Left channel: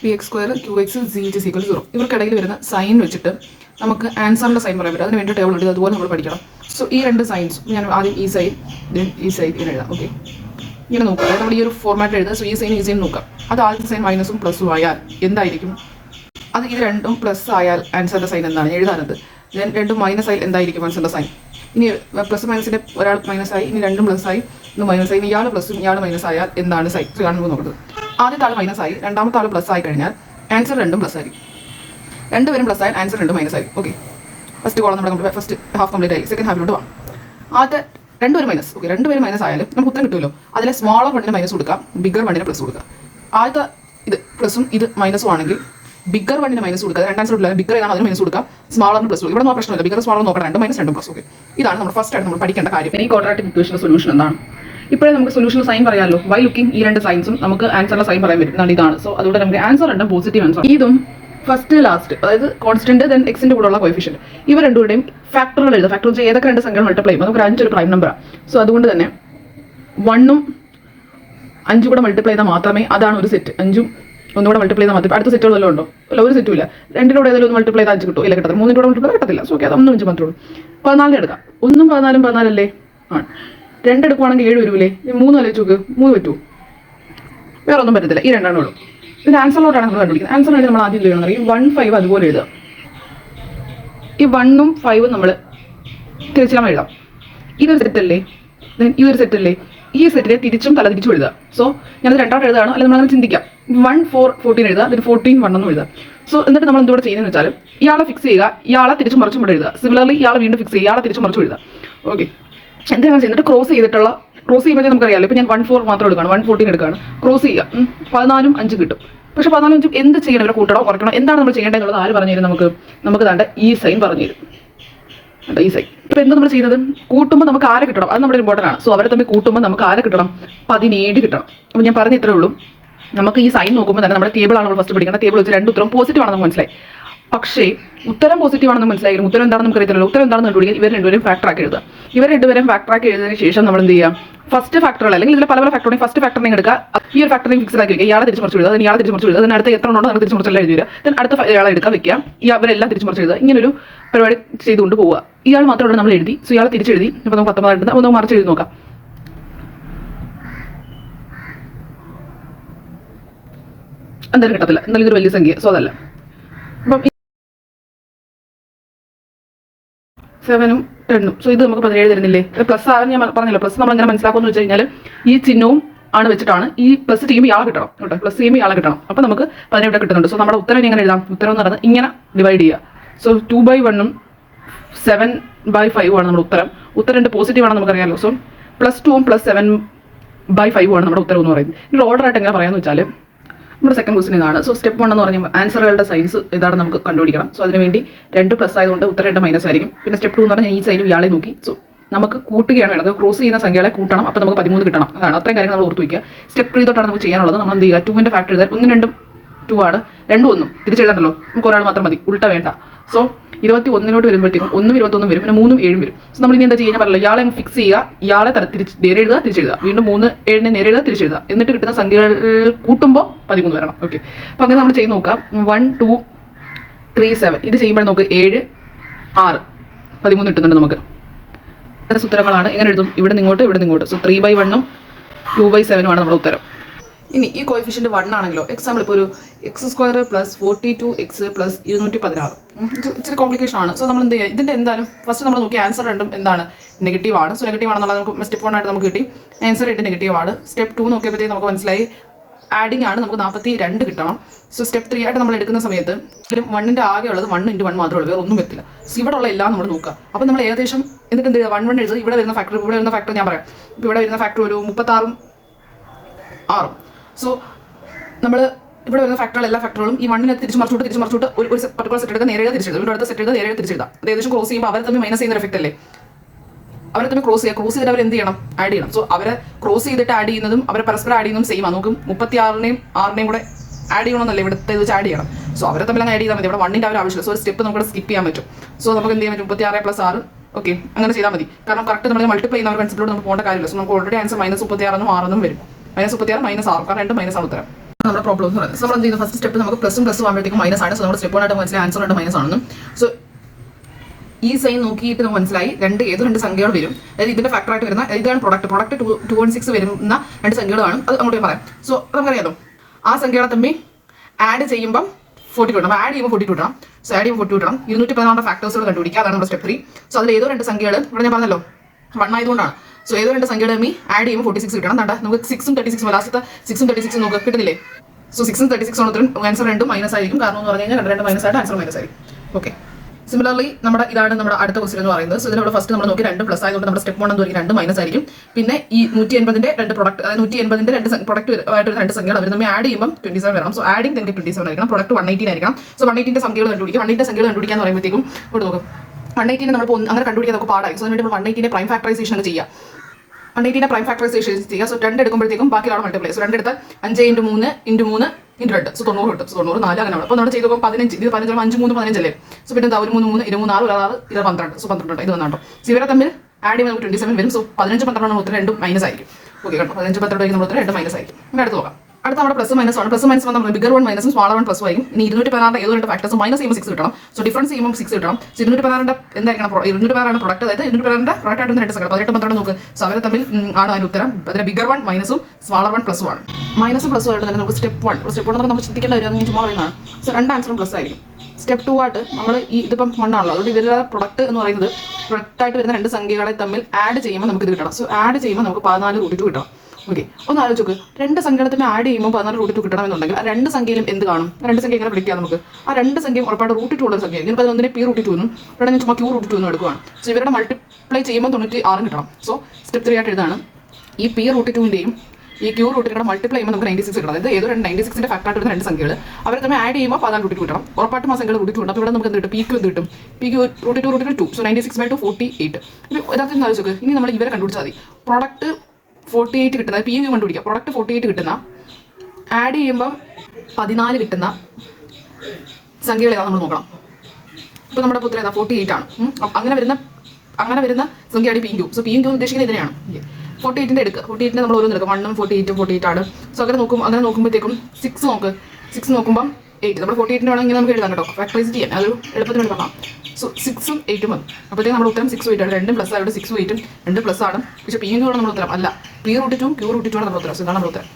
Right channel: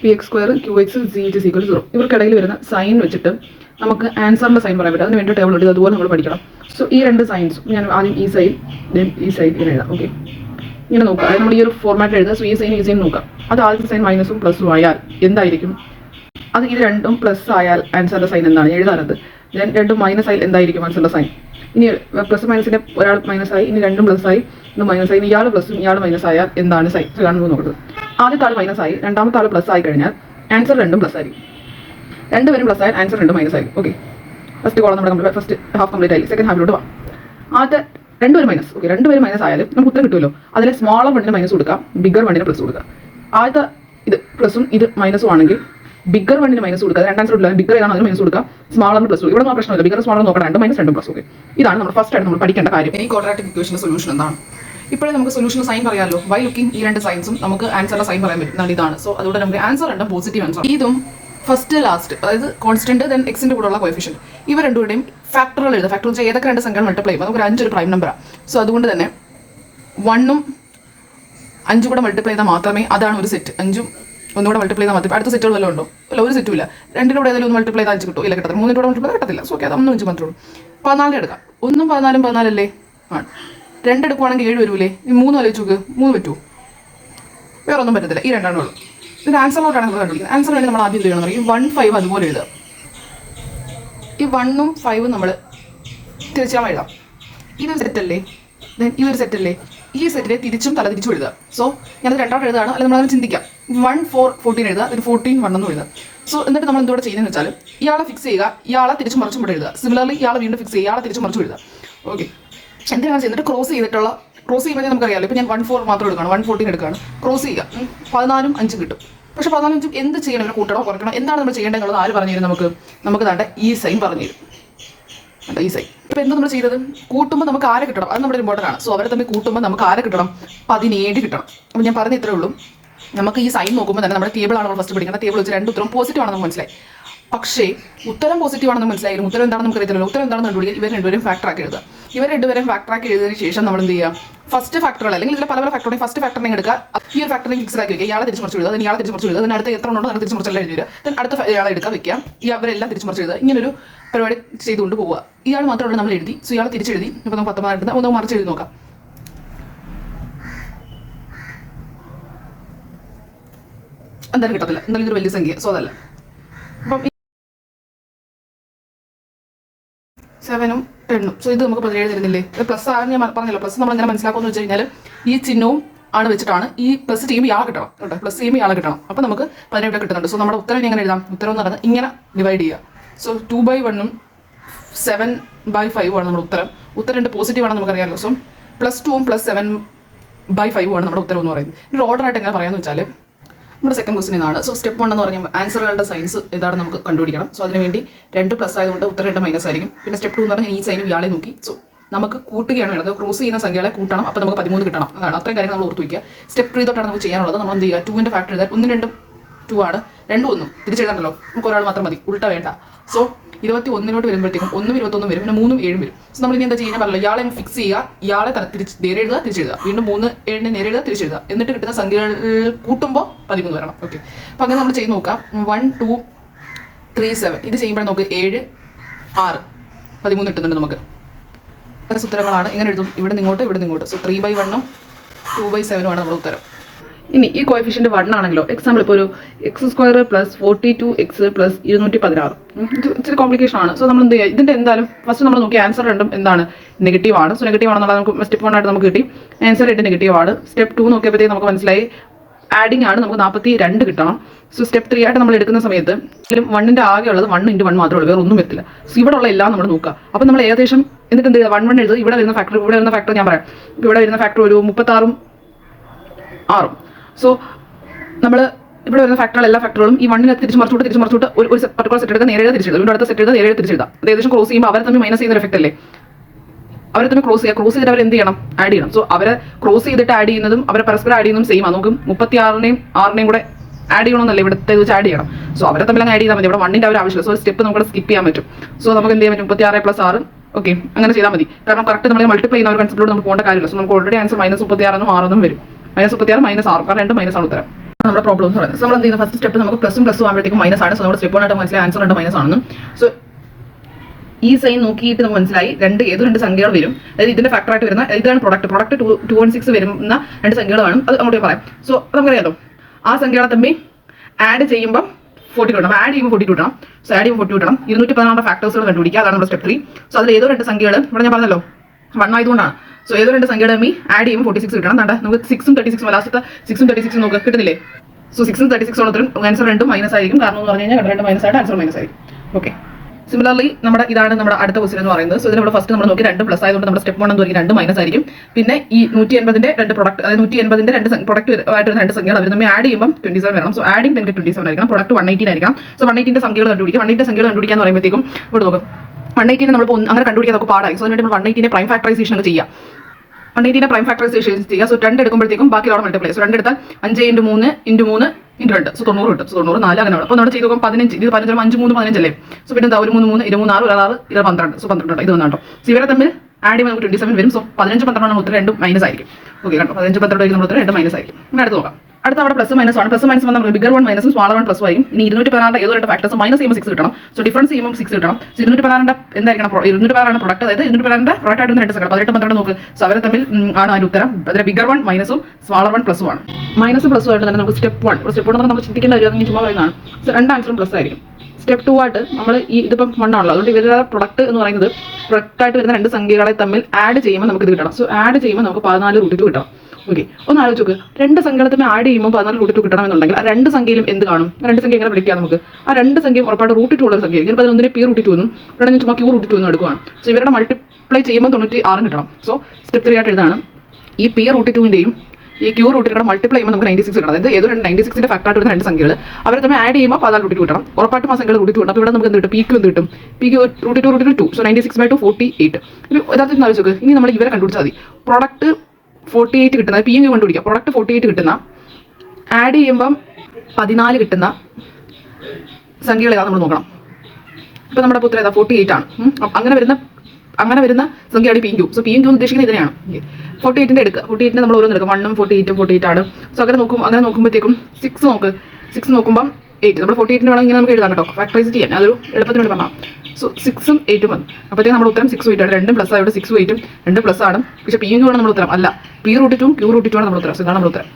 P X square Q X C it equal 0. ഇവർക്കിടയിൽ വരുന്ന sign വെച്ചിട്ട് നമുക്ക് ആൻസറിൻ്റെ സൈൻ പറയാൻ പറ്റും. അതിന് വേണ്ടി ടേബിൾ ഉണ്ട്, അതുപോലെ നമ്മൾ പഠിക്കണം. സോ ഈ രണ്ട് സൈൻസും ഞാൻ ആദ്യം ഈ സൈൻ ദെൻ ഈ സൈൻ ഇങ്ങനെ എഴുതാം. ഓക്കെ, ഇങ്ങനെ നോക്കുക. അതായത് നമ്മൾ ഈ ഒരു ഫോർമാറ്റ് എഴുതുക. സോ ഈ സൈൻ നോക്കാം. അത് ആദ്യത്തെ സൈൻ മൈനസും പ്ലസും ആയാൽ എന്തായിരിക്കും? അത് ഇത് രണ്ടും പ്ലസ് ആയാൽ ആൻസറിൻ്റെ സൈൻ എന്താണ് എഴുതാറുണ്ട്. ദെൻ രണ്ടും മൈനസ് ആയി എന്തായിരിക്കും ആൻസറിൻ്റെ സൈൻ? ഇനി പ്ലസ് മൈനസിൻ്റെ ഒരാൾ മൈനസ് ആയി, ഇനി രണ്ടും പ്ലസ് ആയി, ഇത് മൈനസ് ആയി, ഇയാൾ പ്ലസും ഇയാൾ മൈനസ് ആയാൽ എന്താണ് സൈൻ? ഇതാണ് നോക്കുന്നത്. ആദ്യത്തെ ആൾ മൈനസ് ആയി, രണ്ടാമത്തെ ആൾ പ്ലസ് ആയി കഴിഞ്ഞാൽ ആൻസർ രണ്ടും പ്ലസ് ആയിരിക്കും. രണ്ടുപേരും പ്ലസ് ആയാൽ ആൻസർ രണ്ടും മൈനസ് ആയിരിക്കും. ഓക്കെ, ഫസ്റ്റ് കോളം നമ്മുടെ ഫസ്റ്റ് ഹാഫ് കംപ്ലീറ്റ് ആയി. സെക്കൻഡ് ഹാഫിലോട്ട് പോകാം. ആദ്യത്തെ രണ്ടുപേരും മൈനസ്. ഓക്കെ, രണ്ടുപേരും മൈനസ് ആയാലും നമുക്ക് ഉത്തരം കിട്ടുമല്ലോ. അതിലെ സ്മോളർ വണ്ണിന് മൈനസ് കൊടുക്കാം, ബിഗർ വണ്ണിന് പ്ലസ് കൊടുക്കാം. ആദ്യത്തെ ഇത് പ്ലസും ഇത് മൈനസും ആണെങ്കിൽ ബിഗർ വണ്ണിന് മൈനസ് കൊടുക്കുക. രണ്ടാം സൈഡിൽ ബിഗർ ഏതാണ് അതിന് മൈനസ് കൊടുക്കുക, സ്മോളറിന് പ്ലസ് കൊടുക്കുക. ഇവിടെ നമുക്ക് പ്രശ്നമില്ല, ബിഗർ സ്മോളർ നോക്കണം. രണ്ട് മൈനസ് രണ്ടും പ്ലസ്. ഓക്കെ, ഇതാണ് നമ്മൾ ഫസ്റ്റ് ആയിട്ട് നമ്മൾ പഠിക്കേണ്ട കാര്യം. ഈ ക്വാഡ്രാറ്റിക് ഇക്വേഷന്റെ സൊല്യൂഷൻ എന്താണ്? ഇപ്പോഴേ നമുക്ക് സൊല്യൂഷൻ സൈൻ പറയാമല്ലോ. ബൈ ലുക്കിംഗ് ഈ രണ്ട് സൈൻസും നമുക്ക് ആൻസറിന്റെ സൈൻ പറയാൻ പറ്റും. ഇതാണ്. സോ അതുകൊണ്ട് നമുക്ക് ആൻസർ രണ്ടും പോസിറ്റീവ് ആൻസർ. ഇതും ഫസ്റ്റ് ലാസ്റ്റ്, അതായത് കോൺസ്റ്റന്റ് ദെൻ എക്സിന്റെ കൂടെയുള്ള കോഎഫിഷ്യന്റ്, ഇവ രണ്ടുകൂടെയും ഫാക്ടറുകൾ എഴുതുക. ഫാക്ടർ വെച്ചാൽ ഏതൊക്കെ രണ്ട് സംഖ്യകൾ മൾട്ടിപ്ലൈ ചെയ്യും. നമുക്ക് 5 ഒരു പ്രൈം നമ്പറാണ്. സോ അതുകൊണ്ട് തന്നെ 1ഉം 5 കൂടെ മൾട്ടിപ്ലൈ ചെയ്താൽ മാത്രമേ അതാണ് ഒരു സെറ്റ്. 5ഉം ഒന്നുകൂടെ മൾട്ടിപ്ലൈ ചെയ്താൽ മാത്രമേ അടുത്ത സെറ്റുകൾ വല്ലതും ഉണ്ടോ? അല്ല, ഒരു സെറ്റും ഇല്ല. രണ്ടിലൂടെ ഏതെങ്കിലും ഒന്ന് മൾട്ടിപ്ലൈ ചെയ്താൽ 5 കിട്ടും. ഇല്ല, കിട്ടത്തില്ല. 3 കൂടെ മൾട്ടിപ്ലൈ കിട്ടത്തില്ല. സോ ഓക്കെ, അത് 1 5 മാത്രമേ ഉള്ളൂ. 14 എടുക്കാം. 1ഉം 14ഉം 14 അല്ലേ? ആണ്. 2 എടുക്കുവാണെങ്കിൽ 7 വരൂലേ? 3 ആലോചിച്ച് നോക്ക്, 3 പറ്റുമോ? വേറെ ഒന്നും പറ്റത്തില്ല. ഈ രണ്ടെണ്ണം ഉള്ളൂ. ഇത് ആൻസറിലോട്ടാണ് നമ്മൾ കണ്ടുപിടിക്കുന്നത്. ആൻസർ വേണ്ടി നമ്മൾ ആദ്യം ചെയ്യണം. ഈ 1 5 അതുപോലെ എഴുതുക. ഈ 1ഉം 5ഉം നമ്മൾ തീർച്ചയായും എഴുതാം. ഇതൊരു സെറ്റല്ലേ? ദെൻ ഈ ഒരു സെറ്റല്ലേ? ഈ സെറ്റിലെ തിരിച്ചും തല തിരിച്ചും എഴുതുക. സോ ഞാനത് രണ്ടാമത് എഴുതുകയാണ്. അല്ലെങ്കിൽ നമ്മളങ്ങനെ ചിന്തിക്കാം. 1 4 14 എഴുതുക, അതിന് 14 1 എന്നും എഴുതുക. സോ എന്നിട്ട് നമ്മൾ എന്തുകൂടെ ചെയ്യുന്നതെന്ന് വെച്ചാൽ ഇയാളെ ഫിക്സ് ചെയ്യുക, ഇയാളെ തിരിച്ചും മറിച്ചും ഇവിടെ എഴുതുക. സിമിലർലി ഇയാളെ വീണ്ടും ഫിക്സ് ചെയ്യുക, ഇയാളെ തിരിച്ചും മറിച്ചും എഴുതുക. ഓക്കെ, എന്തിനാണ് ചെയ്യുന്നത്? ക്രോസ് ചെയ്തിട്ടുള്ള ക്രോസ് ചെയ്യുമ്പോൾ നമുക്കറിയാമല്ലോ. ഇപ്പോൾ ഞാൻ 1 4 മാത്രം എടുക്കുകയാണ്, 1 14 എടുക്കുകയാണ്. ക്രോസ് ചെയ്യുക. 14ഉം 5 കിട്ടും. പക്ഷെ 14 5 എന്ത് ചെയ്യണം? ഇവിടെ കൂട്ടണോ കുറയ്ക്കണോ, എന്താണ് നമ്മൾ ചെയ്യേണ്ടതെന്നുള്ളത് ആര് പറഞ്ഞു തരും? നമുക്ക് വേണ്ട ഈ സൈൻ പറഞ്ഞു തരും. ഈ സൈൻ ഇപ്പൊ എന്താ നമ്മൾ ചെയ്യുന്നത്? കൂട്ടുമ്പോൾ നമുക്ക് ആരെ കിട്ടണം? അത് നമ്മുടെ ഇമ്പോർട്ടൻ്റ് ആണ്. സോ അവരെ തമ്മിൽ കൂട്ടുമ്പോൾ നമുക്ക് ആരെ കിട്ടണം? 17 കിട്ടണം. അപ്പോൾ ഞാൻ പറഞ്ഞ ഇത്രേ ഉള്ളൂ. നമുക്ക് ഈ സൈൻ നോക്കുമ്പോൾ തന്നെ നമ്മുടെ ടേബിൾ ആണ് നമ്മൾ ഫസ്റ്റ് പഠിക്കണം. ടേബിൾ വെച്ച് രണ്ട് ഉത്തരം പോസിറ്റീവ് ആണെന്ന് മനസ്സിലായി. പക്ഷേ ഉത്തരം പോസിറ്റീവ് ആണെന്ന് മനസ്സിലായെങ്കിലും ഉത്തരം എന്താണെന്ന് നമുക്ക് അറിയത്തില്ല. ഉത്തരം എന്താണെന്ന് കണ്ടുപിടിക്കാൻ ഇവർ രണ്ടുപേരും ഫാക്ടറാക്കി എഴുതുക. ഇവർ രണ്ടുപേരും ഫാക്ടറാക്കി എഴുതിയതിനു ശേഷം നമ്മൾ എന്ത് ചെയ്യാം? ഫസ്റ്റ് ഫാക്ടറുകൾ അല്ലെങ്കിൽ ഇതിലെ പല ഫാക്ടറും ഫസ്റ്റ് ഫാക്ടറിനെ എടുക്കുക. ഈ ഒരു ഫാക്ടറിനെ ഫിക്സ് ആക്കി വെക്കുക. ഇയാളെ തിരിച്ചു മറിച്ച് എഴുതുക, ഇയാളെ തിരിച്ചു മറിച്ച് എഴുതുക. അതിന് അടുത്ത് എത്ര ഉണ്ടോ നമുക്ക് തിരിച്ചു മറിച്ചെല്ലാം എഴുതുക. അടുത്ത ഇയാളെ എടുക്കുക, വെക്കുക. ഈ അവരെല്ലാം തിരിച്ചു മറിച്ച് എഴുതുക. ഇങ്ങനൊരു പരിപാടി ചെയ്തുകൊണ്ട് പോവുക. ഇയാൾ മാത്രമേ നമ്മൾ എഴുതി. സോ ഇയാളെ തിരിച്ചെഴുതി. അപ്പോൾ നമുക്ക് 19 എടുത്ത് ഒന്ന് മറിച്ച് എഴുതി നോക്കാം. എന്തായാലും കിട്ടത്തില്ല. എന്നാലും ഇതൊരു വലിയ സംഖ്യ. സോ അതല്ല. അപ്പം 7ഉം 10ഉം. സോ ഇത് നമുക്ക് 17 തരുന്നില്ലേ? പ്ലസ് ആണ് ഞാൻ പറഞ്ഞില്ല. പ്ലസ് നമ്മൾ എങ്ങനെ മനസ്സിലാക്കുമെന്ന് വെച്ച് കഴിഞ്ഞാൽ ഈ ചിഹ്നവും ആണ് വെച്ചിട്ടാണ് ഈ പ്ലസ് ചെയ്യുമ്പോൾ ഇയാളെ കിട്ടണം കേട്ടോ. പ്ലസ് ചെയ്യുമ്പോൾ ഇയാളെ കിട്ടണം. അപ്പോൾ നമുക്ക് 17 കിട്ടുന്നുണ്ട്. സോ നമ്മുടെ ഉത്തരം എങ്ങനെ എഴുതാം? ഉത്തരം എന്ന് പറയുന്നത് ഇങ്ങനെ ഡിവൈഡ് ചെയ്യുക. സോ 2/1ഉം 7/5 ആണ് നമ്മുടെ ഉത്തരം. ഉത്തരം രണ്ട് പോസിറ്റീവ് ആണെന്ന് നമുക്കറിയാമല്ലോ. സോ +2ഉം +7/5 ആണ് നമ്മുടെ ഉത്തരം എന്ന് പറയുന്നത്. ഇതിൻ്റെ ഓർഡർ ആയിട്ട് എങ്ങനെ പറയാമെന്ന് വെച്ചാൽ നമ്മുടെ സെക്കൻഡ് ക്വസ്റ്റ്യൻ ഇതാണ്. സോ സ്റ്റെപ്പ് 1 എന്ന് പറഞ്ഞാൽ ആൻസറുകളുടെ സൈൻസ് ഇതാണ് നമുക്ക് കണ്ടുപിടിക്കണം. സോ അതിനുവേണ്ടി 2 പ്ലസ് ആയതുകൊണ്ട് ഉത്തരം 2 മൈനസ് ആയിരിക്കും. പിന്നെ സ്റ്റെപ്പ് 2 എന്ന് പറഞ്ഞാൽ ഈ സൈനും ഇയാളെ നോക്കി. സോ നമുക്ക് കൂട്ടുകയാണ് വേണ്ടത്. ക്രോസ് ചെയ്യുന്ന സംഖ്യകളെ കൂട്ടണം. അപ്പോൾ നമുക്ക് 13 കിട്ടണം. അതാണ് അത്രയും കാര്യങ്ങൾ നമ്മൾ ഓർത്ത് വയ്ക്കുക. സ്റ്റെപ്പ് 3 തൊട്ടാണ് നമുക്ക് ചെയ്യാനുള്ളത്. നമ്മൾ എന്ത് ചെയ്യുക? 2ന്റെ ഫാക്ടർ എഴുതാൻ 1 2 2 ആണ്. 2 1 തിരിച്ചെഴുതാണ്ടല്ലോ. നമുക്ക് ഒരാൾ മാത്രം മതി, ഉൾട്ട വേണ്ട. സോ 21 വരുമ്പോഴത്തേക്കും 1 21 വരും, പിന്നെ 3 7 വരും. സോ നമ്മൾ ഇനി എന്താ ചെയ്യാൻ പറഞ്ഞല്ലോ? ഇയാളെ ഫിക്സ് ചെയ്യുക, ഇയാളെ നേരെ എഴുതുക, തിരിച്ചെഴുതുക. വീണ്ടും 3 7 നേരെ എഴുതുക, തിരിച്ചെഴുതുക. എന്നിട്ട് കിട്ടുന്ന സംഖ്യകൾ കൂട്ടുമ്പോൾ 13 വരണം. ഓക്കെ, അപ്പോൾ അങ്ങനെ നമ്മൾ ചെയ്ത് നോക്കാം. 1 2 3 7 ഇത് ചെയ്യുമ്പോൾ നമുക്ക് 7 6 13 കിട്ടുന്നുണ്ട്. നമുക്ക് എത്ര ഉത്തരങ്ങളാണ്? എങ്ങനെ എഴുതും? ഇവിടെ നിങ്ങോട്ട് ഇവിടെ നിങ്ങോട്ട്. സോ 3/1ഉം 2/7ഉം ആണ് നമ്മുടെ ഉത്തരം. ഇനി ഈ കോഎഫിഷ്യന്റ് 1 ആണെങ്കിലോ, എക്സാമ്പിൾ ഇപ്പോൾ ഒരു x² + 42x + 216 ഇച്ചിരി കോംപ്ലിക്കേഷൻ ആണ്. സോ നമ്മൾ എന്ത് ചെയ്യുക? ഇതിന്റെ എന്തായാലും ഫസ്റ്റ് നമ്മൾ നോക്കി ആൻസർ രണ്ടും എന്താണ്? നെഗറ്റീവ് ആണ്. സോ നെഗറ്റീവ് ആണെന്നുള്ളത് നമുക്ക് സ്റ്റെപ്പ് 1 ആയിട്ട് നമുക്ക് കിട്ടി. ആൻസർ 8 നെഗറ്റീവ് ആണ്. സ്റ്റെപ്പ് 2 നോക്കിയപ്പോഴത്തേക്ക് നമുക്ക് മനസ്സിലായി ആഡിങ് ആണ്. നമുക്ക് 42 കിട്ടണം. സോ സ്റ്റെപ്പ് 3 ആയിട്ട് നമ്മൾ എടുക്കുന്ന സമയത്ത് 1ന്റെ ആകെ ഉള്ളത് 1 × 1 മാത്രമേ ഉള്ളൂ, വേറെ ഒന്നും വരത്തില്ല. സോ ഇവിടെ ഉള്ള എല്ലാം നമ്മൾ നോക്കുക. അപ്പോൾ നമ്മൾ ഏകദേശം എന്നിട്ട് എന്ത് ചെയ്യുക? 1 1 എഴുതുക. ഇവിടെ വരുന്ന ഫാക്ടർ ഞാൻ പറയാം. ഇവിടെ വരുന്ന ഫാക്ടർ ഒരു 36ഉം 6ഉം. സോ നമ്മൾ ഇവിടെ വരുന്ന ഫാക്ടറുകൾ എല്ലാ ഫാക്ടറുകളും ഈ 1നെ തിരിച്ച് മറിച്ചോട്ട് ഒരു പർട്ടിക്കുലർ സെറ്റ് എടുക്കുക, നേരെ തിരിച്ചെഴുതുക. വീണ്ടും അടുത്ത സെറ്റ് എടുത്ത് നേരെ തിരിച്ചെഴുതാം. അത് ഏകദേശം ക്രോസ് ചെയ്യുമ്പോൾ അവരെ തമ്മിൽ മൈനസ് ചെയ്യുന്ന എഫക്റ്റ് അല്ലേ? അവരെ തന്നെ ക്രോസ് ചെയ്തിട്ട് അവർ എന്ത് ചെയ്യണം? ആഡ് ചെയ്യണം. സോ അവരെ ക്രോസ് ചെയ്തിട്ട് ആഡ് ചെയ്യുന്നതും അവരെ പരസ്പരം ആഡ് ചെയ്യുന്നതും സെയിം ആണ്. നമുക്ക് 36നെയും 6നെയും കൂടെ ആഡ് ചെയ്യണമെന്നല്ലേ? ഇവിടുത്തെ വെച്ച് ആഡ് ചെയ്യണം. സോ അവരെ തമ്മിൽ ആഡ് ചെയ്താൽ മതി. ഇവിടെ 1ന്റെ ഒരു ആവശ്യമില്ല. സോ ഒരു സ്റ്റെപ്പ് നമുക്ക് സ്കിപ്പ് ചെയ്യാൻ പറ്റും. സോ നമുക്ക് എന്ത് ചെയ്യാൻ പറ്റും? 36 + 6. ഓക്കെ, അങ്ങനെ ചെയ്താൽ മതി. കാരണം കറക്റ്റ് നമ്മൾ മൾട്ടിപ്ലൈ ചെയ്യുന്ന ഒരു കൺസെപ്റ്റിലൂടെ നമുക്ക് പോകേണ്ട കാര്യമില്ല. സോ നമുക്ക് ഓൾറെഡി ആൻസർ -36 6 വരും. -36 -6 കാരണം 2 മൈനസ് ആണ് ഉത്തരം. നമ്മുടെ പ്രോബ്ലം എന്ന് പറയുന്നത്. നമ്മൾ എന്ത് ചെയ്യുന്നത്, ഫസ്റ്റ് സ്റ്റെപ്പ് നമുക്ക് പ്ലസും പ്ലസ് ആകുമ്പോഴത്തേക്കും മൈനസ് ആണ്. സോ നമ്മുടെ സ്റ്റെപ്പ് 1 ആയിട്ട് മനസ്സിലായി ആൻസർ 2 മൈനസ് ആണെന്നും. സോ ഈ സൈൻ നോക്കിയിട്ട് നമുക്ക് മനസ്സിലായി ഏത് രണ്ട് സംഖ്യകൾ വരും, അതായത് ഇതിന്റെ ഫാക്ടറായിട്ട് വരുന്ന ഇതാണ് പ്രൊഡക്റ്റ് 216 വരുന്ന രണ്ട് സംഖ്യകളാണ്. അത് അങ്ങോട്ട് പറയാം. സോ നമുക്കറിയാലോ ആ സംഖ്യകളെ തമ്മിൽ ആഡ് ചെയ്യുമ്പോൾ 42 കിട്ടണം. ആഡ് ചെയ്യുമ്പോൾ 42 കിട്ടണം. സോ ആഡ് ചെയ്യുമ്പോൾ 42 കിട്ടണം. 216 ഫാക്ടേഴ്സുകൾ കണ്ടുപിടിക്കുക. അതാണ് നമ്മുടെ സ്റ്റെപ്പ് 3. സോ അതിൽ ഏതോ രണ്ട് സംഖ്യകൾ ഇവിടെ ഞാൻ പറഞ്ഞല്ലോ 1 ആയതുകൊണ്ടാണ്. സോ ഏതോ രണ്ട് സംഖ്യയുടെ തമ്മിൽ ആഡ് ചെയ്യുമ്പോൾ 46 കിട്ടണം. എന്താ നമുക്ക് 6ഉം 36 ലാസ്റ്റത്തെ 6ഉം 36 നമുക്ക് കിട്ടുന്നില്ലേ. സോ 6ഉം 36 ആൻസർ 2 മൈനസ് ആയിരിക്കും. കാരണം എന്ന് പറഞ്ഞു കഴിഞ്ഞാൽ 2 മൈനസ് ആയിട്ട് ആൻസർ മൈനസ് ആയിരിക്കും. ഓക്കെ, സിമിലർലി ഇതാണ് നമ്മുടെ അടുത്ത ക്വസ്റ്റൻ എന്ന് പറയുന്നത്. സോ ഇതിൽ നമ്മൾ ഫസ്റ്റ് നമ്മൾ നോക്കി 2 പ്ലസ് ആയതുകൊണ്ട് നമ്മുടെ സ്റ്റെപ്പ് 1 എന്ന് പറയുന്നത് 2 മൈനസ് ആയിരിക്കും. പിന്നെ ഈ 180ന്റെ രണ്ട് പ്രൊഡക്റ്റ്, അതായത് 180ന്റെ രണ്ട് പ്രൊഡക്റ്റ് ആയിട്ട് രണ്ട് സംഖ്യകൾ അവർ തമ്മിൽ ആഡ് ചെയ്യുമ്പോൾ 27 വരണം. സോ ആഡിങ് തന്നെ 27 ആയിരിക്കണം. പ്രൊഡക്റ്റ് 118 ആയിരിക്കണം. സോ 118ന്റെ സംഖ്യകൾ കണ്ടുപിടിക്കുക. 118 സംഖ്യകൾ കണ്ടുപിടിക്കാൻ പറയുമ്പോഴത്തേക്കും ഇവിടെ നോക്കും 118 നമ്മൾ അങ്ങനെ കണ്ടുപിടിക്കാൻ നമുക്ക് പാടായി. സോ അതിനായിട്ട് നമ്മൾ 118ന്റെ പ്രൈം ഫാക്ടറൈസേഷൻ ഒക്കെ ചെയ്യാം. 118ന്റെ പ്രൈം ഫാക്ടറൈസേഷൻ ചെയ്യുക. സോ 2 എടുക്കുമ്പോഴത്തേക്കും ബാക്കി അവിടെ മൾട്ടിപ്ലൈ. സോ 2 എടുത്താൽ 5 × 3 × 3 × 2. സോ 90 കിട്ടും. സോ 90 4 അങ്ങനെയാണ്. അപ്പോൾ നമ്മൾ ചെയ്ത് നോക്കുമ്പോൾ 15, ഇത് 15 5 3 15 അല്ലേ. സോ പിന്നെ എന്താ 1 3 3 23 6 6 ഇത് 12. സോ 12 ഇത് വന്നാട്ടോ. സോ ഇവരെ തമ്മിൽ ആഡ് ചെയ്യുമ്പോൾ നമുക്ക് 27 വരും. സോ 15 12 നമ്മൾ ഉത്തരം 2 മൈനസ് ആയിരിക്കും. ഓക്കെ കേട്ടോ, 15 12 നമ്മൾ ഉത്തരം 2 മൈനസ് ആയിരിക്കും. ഇനി അടുത്ത് നോക്കാം. അടുത്ത നമ്മുടെ പ്ലസ് മൈനസ് ആണ്. പ്ലസ് മൈനസ് നമ്മൾ ബിഗർ 1 മൈനസും സ്മാളർ 1 പ്ലസ് ആയിരിക്കും. ഇനി 216 ഏതോ രണ്ട് ഫാക്ടേഴ്സ് മൈനസ് ചെയ്യുമ്പോൾ 6 കിട്ടണം. സോ ഡിഫറൻസ് ചെയ്യുമ്പോൾ 6 കിട്ടണം. സോ 216 എന്തായിരിക്കണം, 216 പ്രൊഡക്റ്റ്, അതായത് 216 പ്രൊഡക്റ്റ് ആയിട്ട് രണ്ട് സംഖ്യ 18 12 നോക്ക്. സോ അവരെ തമ്മിൽ ആണ് അതിന് ഉത്തരം. അതിലെ ബിഗർ 1 മൈനസും സ്മാളർ 1 പ്ലസും ആണ്. മൈനസ് പ്ലസും ആയിട്ട് തന്നെ നമുക്ക് സ്റ്റെപ്പ് 1 നമ്മൾ ചിന്തിക്കേണ്ട കാര്യം ചുമ്മാ പറയുന്നതാണ്. സോ രണ്ട് ആൻസറും പ്ലസ് ആയിരിക്കും. സ്റ്റെപ്പ് 2 ആയിട്ട് നമ്മൾ ഇതിപ്പം 1 ആണല്ലോ, അതുകൊണ്ട് ഇവരുടെ പ്രൊഡക്റ്റ് എന്ന് പറയുന്നത് പ്രൊഡക്റ്റ് ആയിട്ട് വരുന്ന രണ്ട് സംഖ്യകളെ തമ്മിൽ ആഡ് ചെയ്യുമ്പോൾ നമുക്ക് ഇത് കിട്ടണം. സോ ആഡ് ചെയ്യുമ്പോൾ നമുക്ക് 14√2 കിട്ടണം. ഓക്കെ, ഒന്ന് ആലോചിച്ച് നോക്ക്. രണ്ട് സംഖ്യകളെ തമ്മിൽ ആഡ് ചെയ്യുമ്പോൾ 14√2 കിട്ടണമെന്നുണ്ടെങ്കിൽ ആ രണ്ട് സംഖ്യയിലും എന്ത് കാണും? രണ്ട് സംഖ്യ ഇങ്ങനെ വിളിക്കാം നമുക്ക്. ആ രണ്ട് സംഖ്യയും ഉറപ്പായിട്ട് √2 ഉള്ള സംഖ്യ. ഇപ്പോൾ അതിനൊന്നിനെ P√2 എന്നും ഇവിടെ ഞാൻ ചുമ്മാ Q√2 എന്നും എടുക്കുകയാണ്. സോ ഇവരുടെ മൾട്ടിപ്ലൈ ചെയ്യുമ്പോൾ 96 കിട്ടണം. സോ സ്റ്റെപ്പ് 3 ആയിട്ട് എഴുതാണ് ഈ P√2ന്റെയും ഈ Q√2 മൾട്ടിപ്ലൈ ചെയ്യുമ്പോൾ നമുക്ക് 96 കിട്ടണം. അതായത് ഏതൊരു 96ന്റെ ഫാക്ടറായിട്ട് വരുന്ന രണ്ട് സംഖ്യകൾ അവരെ തമ്മിൽ ആഡ് ചെയ്യുമ്പോൾ 14√2 കിട്ടണം. ഉറപ്പായിട്ടും ആ സംഖ്യകൾ √2 കിട്ടും. അപ്പോൾ ഇവിടെ നമുക്ക് എന്ത് കിട്ടും? PQ എന്ത് കിട്ടും? PQ √2. സോ 96/2 48. യഥാർത്ഥത്തിൽ ആലോചിച്ച് നോക്ക്. ഇനി നമ്മൾ ഇവരെ കണ്ടുപിടിച്ചാൽ മതി. പ്രൊഡക്റ്റ് 48 കിട്ടുന്ന PQ കണ്ടുപിടിക്കുക. പ്രൊഡക്റ്റ് 48 കിട്ടുന്ന ആഡ് ചെയ്യുമ്പം 14 കിട്ടുന്ന സംഖ്യകൾ ഏതാ നമ്മൾ നോക്കണം. ഇപ്പോൾ നമ്മുടെ പുത്രം ഏതാ 48 ആണ്. അങ്ങനെ വരുന്ന സംഖ്യയാണ് PQ. സോ PQ ഉദ്ദേശിക്കുന്നത് ഇതിനെയാണ്. 48ന്റെ എടുക്കുക. 48ന്റെ നമ്മൾ ഓരോന്ന് എടുക്കുക. 1ഉം 48 ആണ്. സോ അങ്ങനെ നോക്കുമ്പോഴത്തേക്കും 6 നോക്കുമ്പോൾ 8. നമ്മൾ 48 വേണം ഇങ്ങനെ നമുക്ക് എഴുതാം കേട്ടോ. ഫാക്ടറൈസ് ചെയ്യാൻ അതൊരു എളുപ്പത്തിന് വേണ്ടി പറഞ്ഞാൽ. സോ 6ഉം 8ഉം മതി. അപ്പോഴത്തേക്കും നമ്മുടെ ഉത്തരം 6ഉം 8 ആണ്. രണ്ടും പ്ലസ് ആയിട്ട് 6ഉം 8ഉം 2 പ്ലസ് ആണ്. പക്ഷേ PQ ആണ് നമ്മുടെ ഉത്തരം അല്ല. P√2 Q√2 ആണ് നമ്മുടെ ഉത്തരം. സോ ഇതാണ് നമ്മുടെ ഉത്തരം.